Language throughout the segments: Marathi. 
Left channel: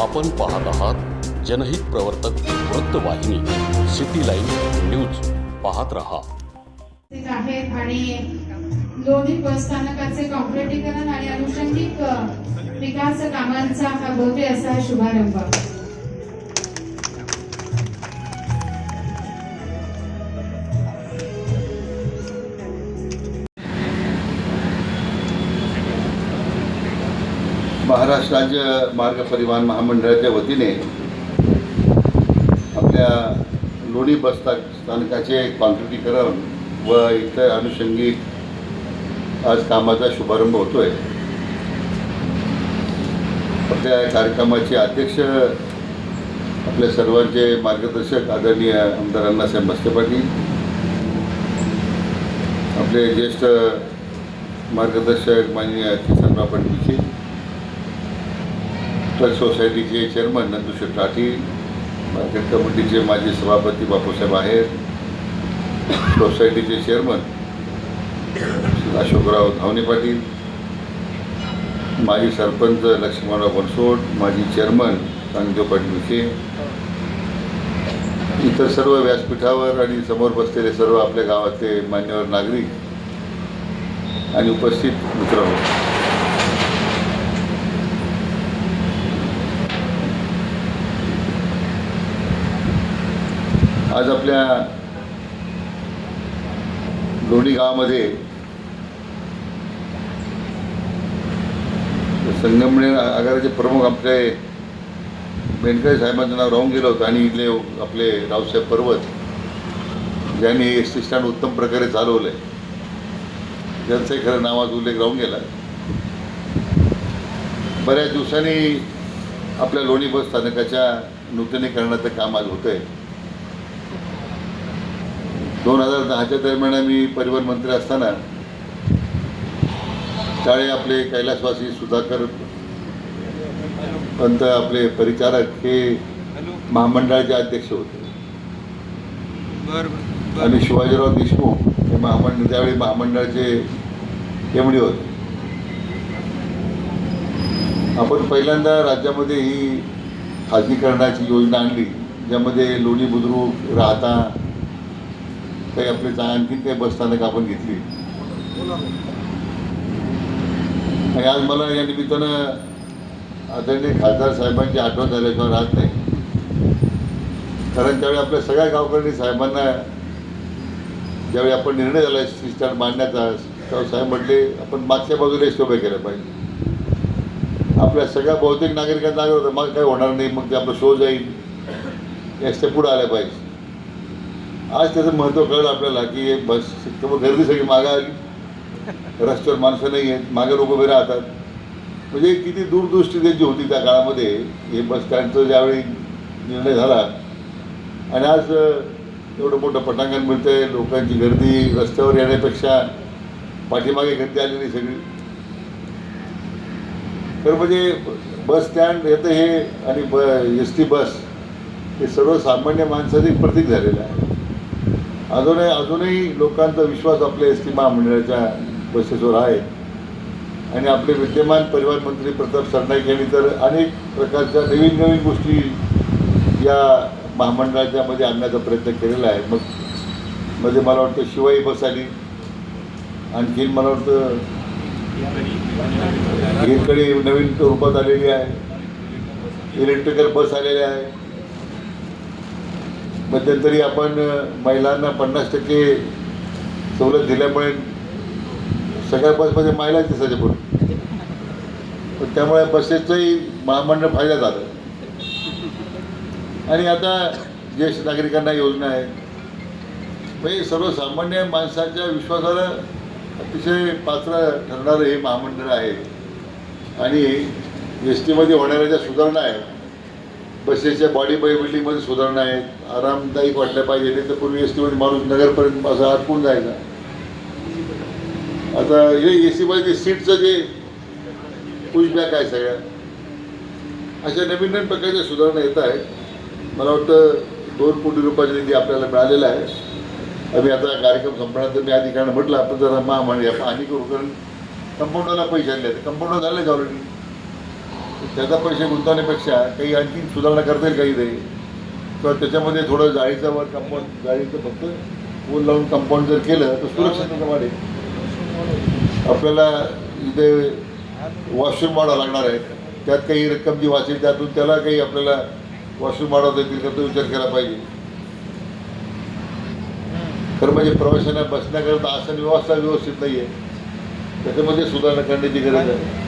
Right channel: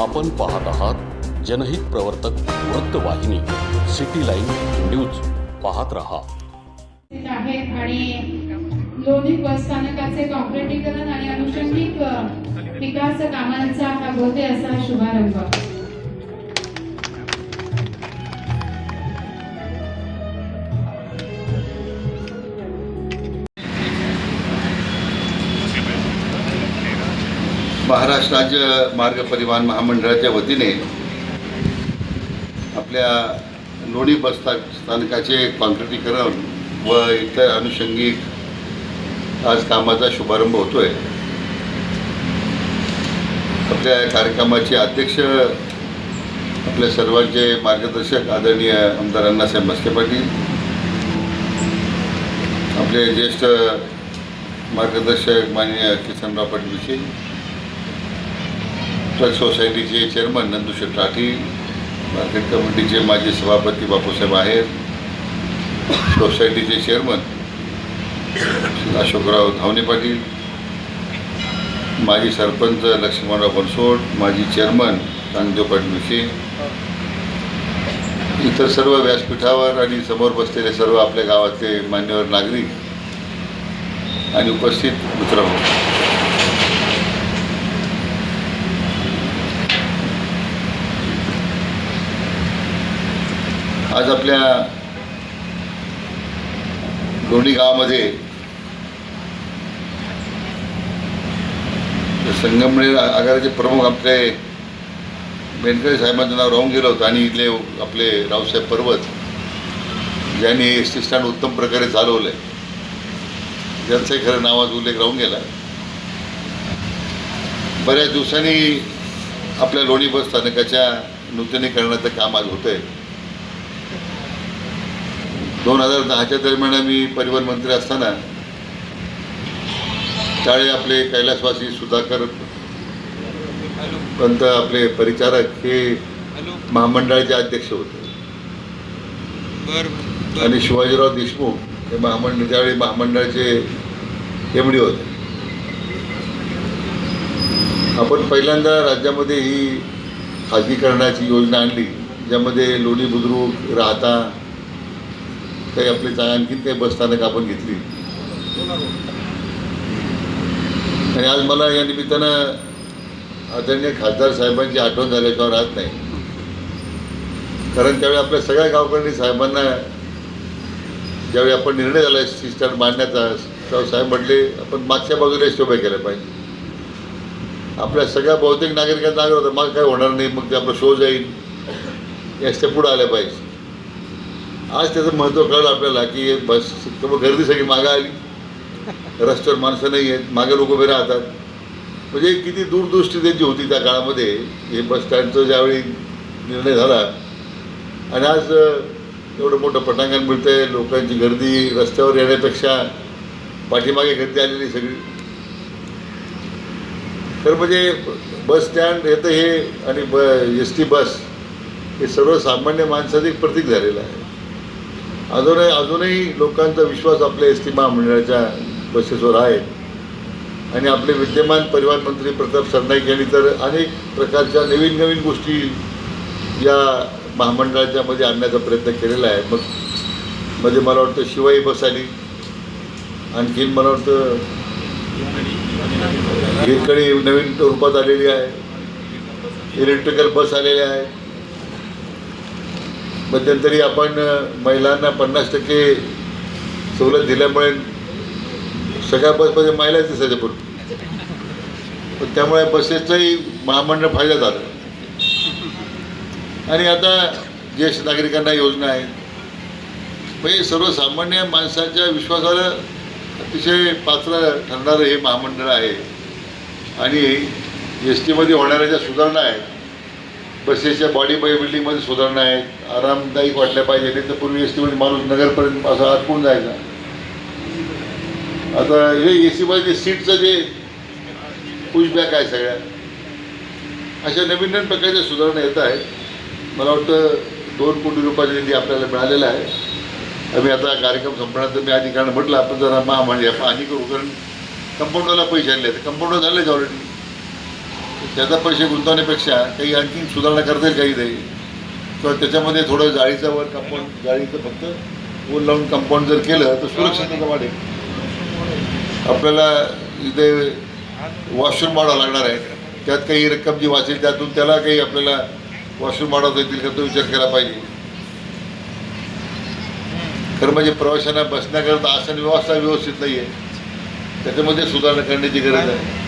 आपण पाहत आहात जनहित प्रवर्तक वृत्तवाहिनी सिटी लाईन न्यूज. पाहत रहा. आहेत आणि लोणी बस स्थानकाचे कॉन्क्रिटीकरण आणि अनुषंगिक विकास कामांचा हा होते असा शुभारंभ. महाराष्ट्र राज्य मार्ग परिवहन महामंडळाच्या वतीने आपल्या लोणी बस स्थानकाचे कॉन्क्रिटीकरण व इतर अनुषंगिक आज कामाचा शुभारंभ होतोय. आपल्या कार्यक्रमाचे अध्यक्ष आपल्या सर्वांचे मार्गदर्शक आदरणीय आमदार अण्णासाहेब म्हस्के पाटील, आपले ज्येष्ठ मार्गदर्शक माननीय किसनराव पाटील, ट्रक सोसायटीचे चेअरमन नंदुशेठ राठी, मार्केट कमिटीचे माजी सभापती बापूसाहेब आहेर, सोसायटीचे चेअरमन अशोकराव धावणे पाटील, माजी सरपंच लक्ष्मणराव बनसोड, माजी चेअरमन कांगदेव पाटील विखे, इतर सर्व व्यासपीठावर आणि समोर बसलेले सर्व आपल्या गावातले मान्यवर नागरिक आणि उपस्थित मित्रहो, आज आपल्या लोणी गावामध्ये संगमनेर आगाराचे प्रमुख आपले बेनकर साहेबांचं नाव राहून गेलं होतं आणि इथले आपले रावसाहेब पर्वत ज्यांनी एस टी स्टँड उत्तम प्रकारे चालवलं आहे, ज्यांचंही खरं नावाचा उल्लेख राहून गेला. बऱ्याच दिवसांनी आपल्या लोणी बस स्थानकाच्या नूतनीकरणाचं काम आज होतं आहे. 2010च्या दरम्यान मी परिवहन मंत्री असताना त्यावेळी आपले कैलासवासी सुधाकर पंत आपले परिचारक हे महामंडळाचे अध्यक्ष होते आणि शिवाजीराव देशमुख हे त्यावेळी महामंडळाचे एमडी होते. आपण पहिल्यांदा राज्यामध्ये ही खाजगीकरणाची योजना आणली, ज्यामध्ये लोणी बुद्रुक राहता काही आपले आणखीन काही बसस्थानक आपण घेतली. आणि आज मला या निमित्तानं आदरणीय खासदार साहेबांची आठवण झाल्याशिवाय राहत नाही. कारण त्यावेळी आपल्या सगळ्या गावकरी साहेबांना ज्यावेळी आपण निर्णय झाला एस स्टँड बांधण्याचा, तेव्हा साहेब म्हटले आपण मागच्या बाजूला एस उभे केल्या पाहिजे. आपल्या सगळ्या बहुतेक नागरिकांना लागलं होतं मग काय होणार नाही, मग ते आपलं शो जाईल, एस ते पुढं आल्या पाहिजे. आज त्याचं महत्त्व कळलं आपल्याला की बस त्यामुळे गर्दी सगळी मागं आली, रस्त्यावर माणसं नाही आहेत, मागे लोक उभे राहतात. म्हणजे किती दूरदृष्टी त्यांची होती त्या काळामध्ये. हे बस स्टँडचं ज्यावेळी निर्णय झाला आणि आज एवढं मोठं पटांगण मिळतं आहे, लोकांची गर्दी रस्त्यावर येण्यापेक्षा पाठीमागे गर्दी आलेली सगळी. तर म्हणजे बस स्टँड येतं हे आणि एस टी बस हे सर्वसामान्य माणसाचं एक प्रतीक झालेलं आहे. अजूनही लोकांचा विश्वास आपल्या एस टी महामंडळाच्या बसेसवर आहे. आणि आपले विद्यमान परिवहन मंत्री प्रताप सरनाईक यांनी तर अनेक प्रकारच्या नवीन नवीन गोष्टी या महामंडळाच्या मध्ये आणण्याचा प्रयत्न केलेला आहे. मग म्हणजे मला वाटतं शिवाई बस आली, आणखीन मला वाटतं हिरकणी नवीन रूपात आलेली आहे, इलेक्ट्रिकल बस आलेल्या आहे. मध्यंतरी आपण महिलांना 50% सवलत दिल्यामुळे सगळ्या बसमध्ये महिलाच दिसायचे पण त्यामुळे बसेसचाही महामंडळ फायदा झाला. आणि आता ज्येष्ठ नागरिकांना योजना आहेत, म्हणजे सर्वसामान्य माणसाच्या विश्वासाला अतिशय पात्र ठरणारं हे महामंडळ आहे. आणि एस टीमध्ये होणाऱ्या ज्या सुधारणा आहेत, बसेसच्या बॉडी बिल्डिंगमध्ये सुधारणा आहेत, आरामदायक वाटल्या पाहिजे. नाही तर पूर्वी एस टीमध्ये माणूस नगरपर्यंत असं अडकून जायचा. आता हे ए सीमध्ये सीटचं जे पुशबॅक आहे, सगळ्या अशा नवीन नवीन प्रकारच्या सुधारणा येत आहेत. मला वाटतं 2 कोटी रुपयाचा निधी आपल्याला मिळालेला आहे. आम्ही आता कार्यक्रम संपण्यानंतर मी अधिकाऱ्यांना म्हटलं आपण जरा पाणी करू, कारण कंपाऊंडरला पैसे आणले, कंपाऊंडर झालेच ऑलरेडी. त्याचा पैसे गुंतवण्यापेक्षा काही आणखी सुधारणा करता येईल काही नाही किंवा त्याच्यामध्ये थोडं जाळीचा वर कंपाऊंड जाळीचं फक्त वर लावून कंपाऊंड जर केलं तर सुरक्षितता वाढेल. आपल्याला इथे वॉशरूम वाढावं लागणार आहे, त्यात काही रक्कम जी वाचेल त्यातून त्याला काही आपल्याला वॉशरूम वाढवता येतील का तो विचार केला पाहिजे. खरं म्हणजे प्रवाशांना बसण्याकरता आसन व्यवस्था व्यवस्थित नाही आहे, त्याच्यामध्ये सुधारणा करण्याची गरज आहे.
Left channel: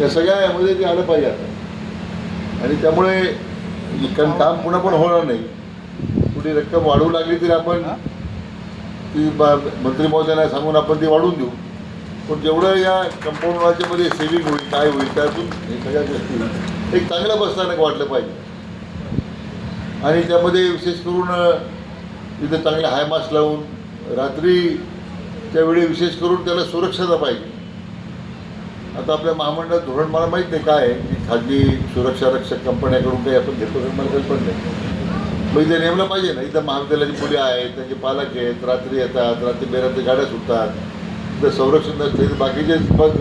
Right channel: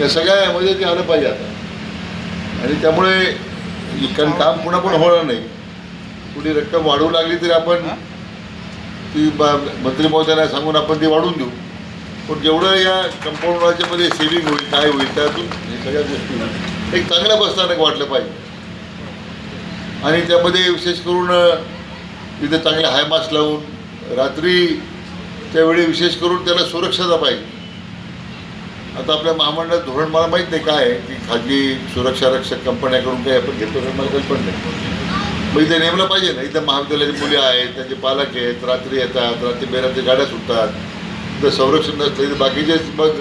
या सगळ्यामध्ये ते आलं पाहिजे आता. आणि त्यामुळे कारण काम पुन्हा पण होणार नाही. कुठे रक्कम वाढवू लागली तरी आपण ती मंत्री महोदयांना सांगून आपण ती वाढवून देऊ. पण जेवढं या कंपाऊंडराच्यामध्ये सेव्हिंग होईल काय होईल त्यातून हे सगळ्या गोष्टी एक चांगल्या बसस्थानक वाटलं पाहिजे. आणि त्यामध्ये विशेष करून इथे चांगले हाय मास्क लावून रात्रीच्या वेळी विशेष करून त्याला सुरक्षता पाहिजे. आता आपल्या महामंडळात धोरण मला माहीत नाही काय आहे की खाजगी सुरक्षा रक्षक कंपन्याकडून काही आपण घेतो मला काही पण नाही. मग इथे नेमलं पाहिजे ना. इथं महाविद्यालयाची मुली आहेत, त्यांचे पालक आहेत, रात्री येतात, रात्री बेरात्री गाड्या सुटतात. इथं संरक्षण नसते तर बाकीचेच मग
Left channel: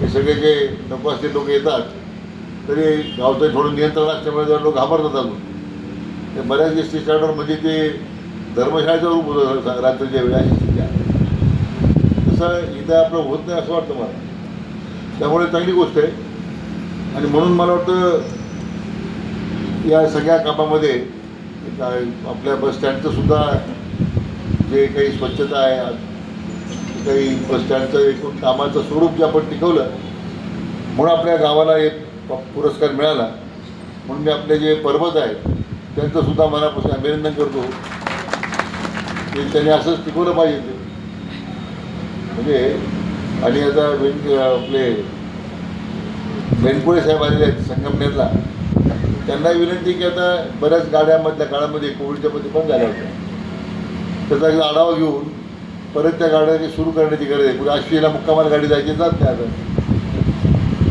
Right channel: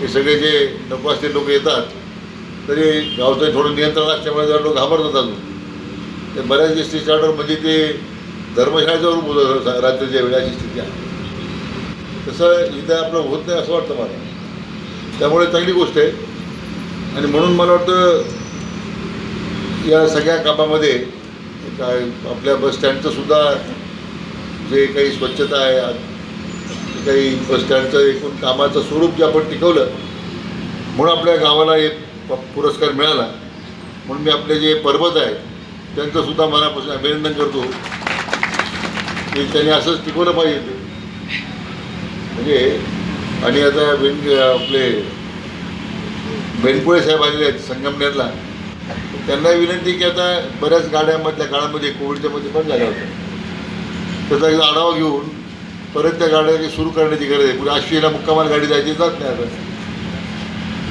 हे सगळे जे नको असते लोक येतात तरी गावचं थोडं नियंत्रण असल्यामुळे जरा लोक घाबरतात अजून. तर बऱ्याच एस टी स्टँडवर म्हणजे ते धर्मशाळेचं रूप होतं रात्रीच्या वेळी अशी स्थिती आहे. तसं इथं आपलं होत नाही असं वाटतं मला. त्यामुळे चांगली गोष्ट आहे. आणि म्हणून मला वाटतं या सगळ्या कामामध्ये काय आपल्या बसस्टँडचं सुद्धा जे काही स्वच्छता आहे, काही बसस्टँडचं एकूण कामाचं स्वरूप जे आपण टिकवलं म्हणून आपल्या गावाला एक पुरस्कार मिळाला. म्हणून मी आपले जे परबत आहेत त्यांचंसुद्धा मनापासून अभिनंदन करतो की त्यांनी असंच टिकवलं पाहिजे ते. म्हणजे आणि आता आपले बेनकुळे साहेब आलेले आहेत संगमनेरला, त्यांना विनंती की आता बऱ्याच गाड्यामधल्या काळामध्ये कोविडच्या मध्ये बंद झाल्या होत्या, त्याचा एकदा आढावा घेऊन परत त्या गाड्या सुरू करण्याची गरज आहे. पुढे आशियाला मुक्कामाला गाडी जायची जात नाही, आता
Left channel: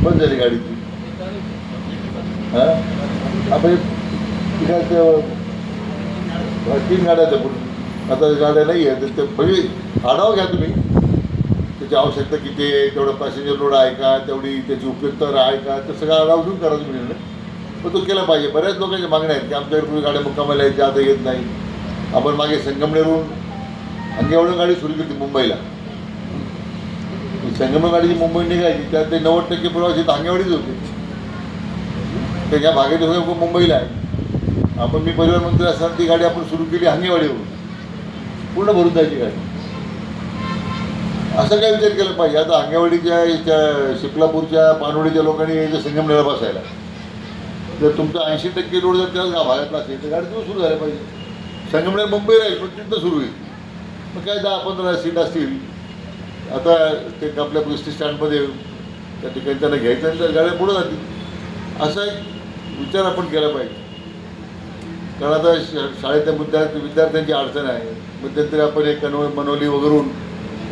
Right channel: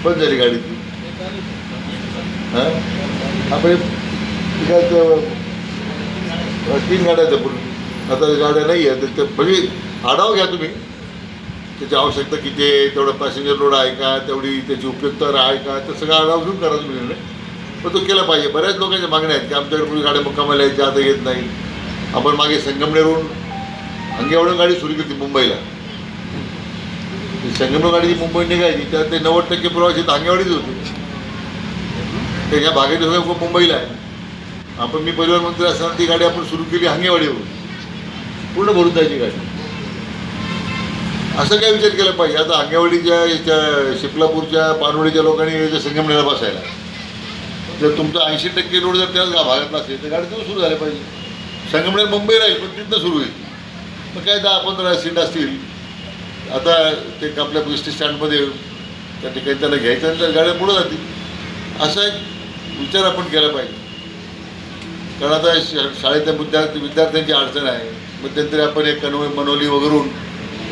बंद झाली गाडी ती. हां आपण तिथं 3 गाड्या आहेत पूर्वी, आता गाड्या नाही आहेत. म्हणजे आढावा घ्या तुम्ही, त्याची आवश्यकता किती आहे, तेवढा पॅसेंजर लोड आहे का, तेवढी त्याची उपयुक्तता आहे का, तर सगळं आढावा घेऊन करा तुम्ही निर्णय. पण तो केला पाहिजे. बऱ्याच लोकांच्या मागण्या आहेत की आमच्याकडे पूर्वी गाड्या मुक्कामाला यायच्या आता येत नाही. आपण मागे संगमनेरहून अंगेवाडून गाडी सुरू केली मुंबईला. संगमनेर गाडी जी मुंबई निघायची त्यात ते 90% प्रवासी अंगेवाडीच होते. तर ह्या भागाचे सगळं मुंबईला आहे. आपण मी परिवहन मंत्री असताना ती गाडी आपण सुरू केली अंगेवाडीवरून, पूर्ण भरून जायची गाडी. असं काय विचार केला पाहिजे. आता अंगेवाडीच्या शिपलापूरच्या पानवडीच्या लोकांनी संगमनेरला बसायला, जर तुमचा 80% रोड जर त्याच भागातला असेल तर गाडी तिथून सुरू झाल्या पाहिजे. संगमनेर मुंबई राहील पण तिथं सुरू होईल. मग काय 10-15 सीट असतील. आता ते आपल्या एस टी स्टँडमध्ये त्या ठिकाणी त्याला घ्यायचं तर गाड्या पुढं जातील. असा एक विचार आपण केला पाहिजे. कारण आता शाळेतल्या विद्यार्थ्यांची अडचण आहे. मध्यंतरी आपण एक मनोली वगैरून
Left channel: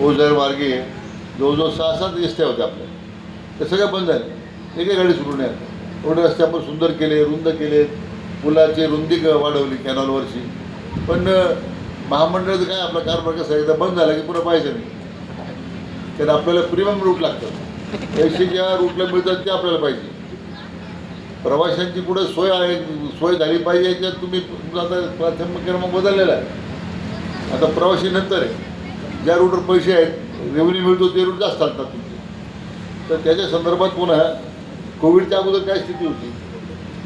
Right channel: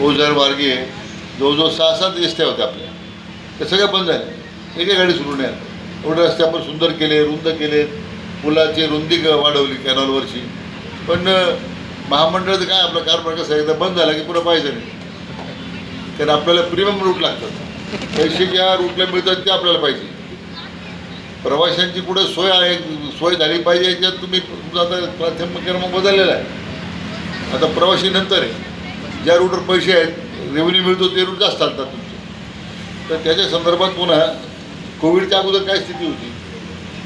ओझर वारगे जवळजवळ 6-7 रस्ते होते आपल्या, त्या सगळ्या बंद झाल्या. एका गाडी सुरू नाही. एवढे रस्ते आपण सुंदर केले, रुंद केले, पुलाची रुंदी वाढवली कॅनॉलवरची. पण महामंडळाचं काय आपला कारभार कसा एकदा बंद झाला की पुन्हा पाहिजे नाही. कारण आपल्याला प्रीमियम रूट लागतात. पैसे ज्या रूटला मिळतात ते आपल्याला पाहिजे. प्रवाशांची पुढे सोय झाली पाहिजे याच्यात तुम्ही तुमचा आता प्राथमिक क्रमांक बदललेला आहे. आता प्रवासी नंतर आहे. ज्या रूटवर पैसे आहेत, रेव्हेन्यू मिळतो ते रूट जास्त चालतात तुमचे. तर त्याच्या संदर्भात पुन्हा कोविडच्या अगोदर काय स्थिती होती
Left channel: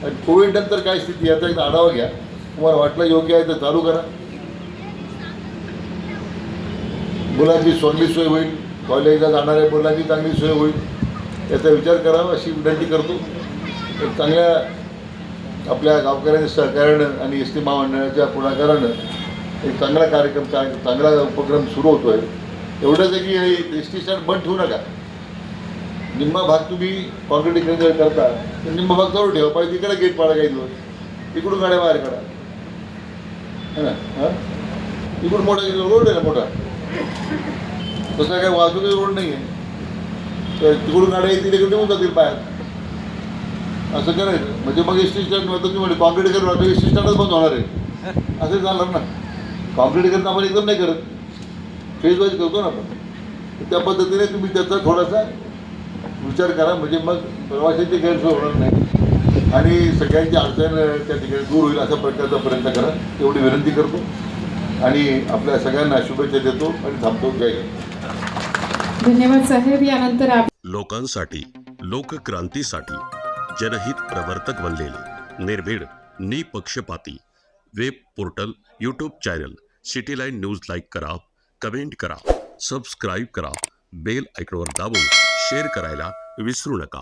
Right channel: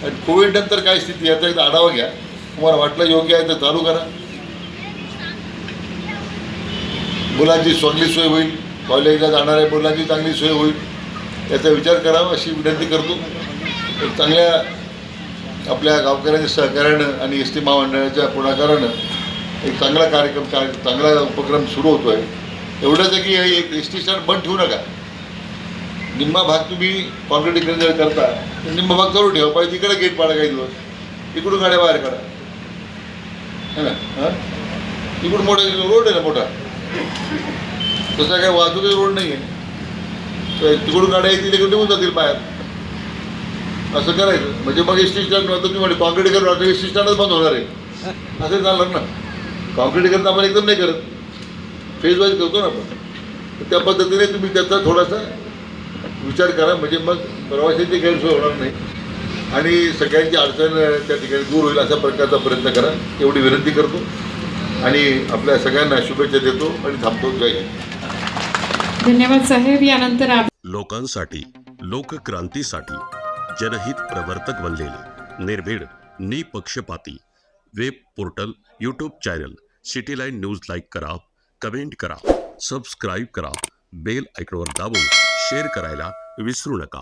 आणि कोविड नंतर काय स्थिती याचा एक आढावा घ्या. तुम्हाला वाटलं योग्य आहे तर चालू करा. मुलांची चांगली सोय होईल, कॉलेजला जाणाऱ्या मुलांची चांगली सोय होईल याचा विचार करावा अशी विनंती करतो. एक चांगल्या आपल्या गावकऱ्यांच्या सहकार्यानं आणि एस टी महामंडळाच्या पुढाकारानं एक चांगला कार्यक्रम चांगला उपक्रम सुरू होतो आहे. एवढंच आहे की एक एस टी स्टँड बंद ठेवू नका. निम्मा भाग तुम्ही कॉन्क्रिटीकरण जर करता तर निम्मा भाग जवळ ठेवा पाहिजे. तिकडे गेट पाडा काही दिवस, तिकडून गाड्या बाहेर काढा. है ना? हां तिकडून मोठा रोड आहे ना मोठा, तसा काही वाहतुकीचा रोड नाही आहे. तर तिकडून गाड्या येतील तिकडे निघून जातील बाहेर. असं करायचं. म्हणजे मग एस टी स्टँड होतं तुम्ही म्हणजे कॉन्क्रिटीकरण होतं एस टी स्टँडच बंद होणार आहे. असं झालं ना. कॉन्क्रिटीकरण आपण एकदम नाही करत, फेज वाईज करतो ना आपण. त्या पद्धतीने तुम्ही त्याचा थोडासा विचार करा, म्हणजे मग प्रवाशांची गैरसोय होणार नाही आणि सगळ्यांची अडचण त्या ठिकाणी दूर होईल अशा प्रकारचा प्रयत्न करा, एवढी विनंती करतो आणि आपल्या सगळ्यांना शुभेच्छा देतो आणि थांबतो. जय हिंद. धन्यवाद साहेब. यानंतर लोकांसाठी, लोकक्रांतीसाठी जनहित प्रवर्तक बनलेले निर्भीड, निपक्षपाती web portal, YouTube channel city line news like करा, कमेंट करा, सबस्क्राईब करा, बेल आयकॉनवर दाबून शेअर करायला विसरू नका.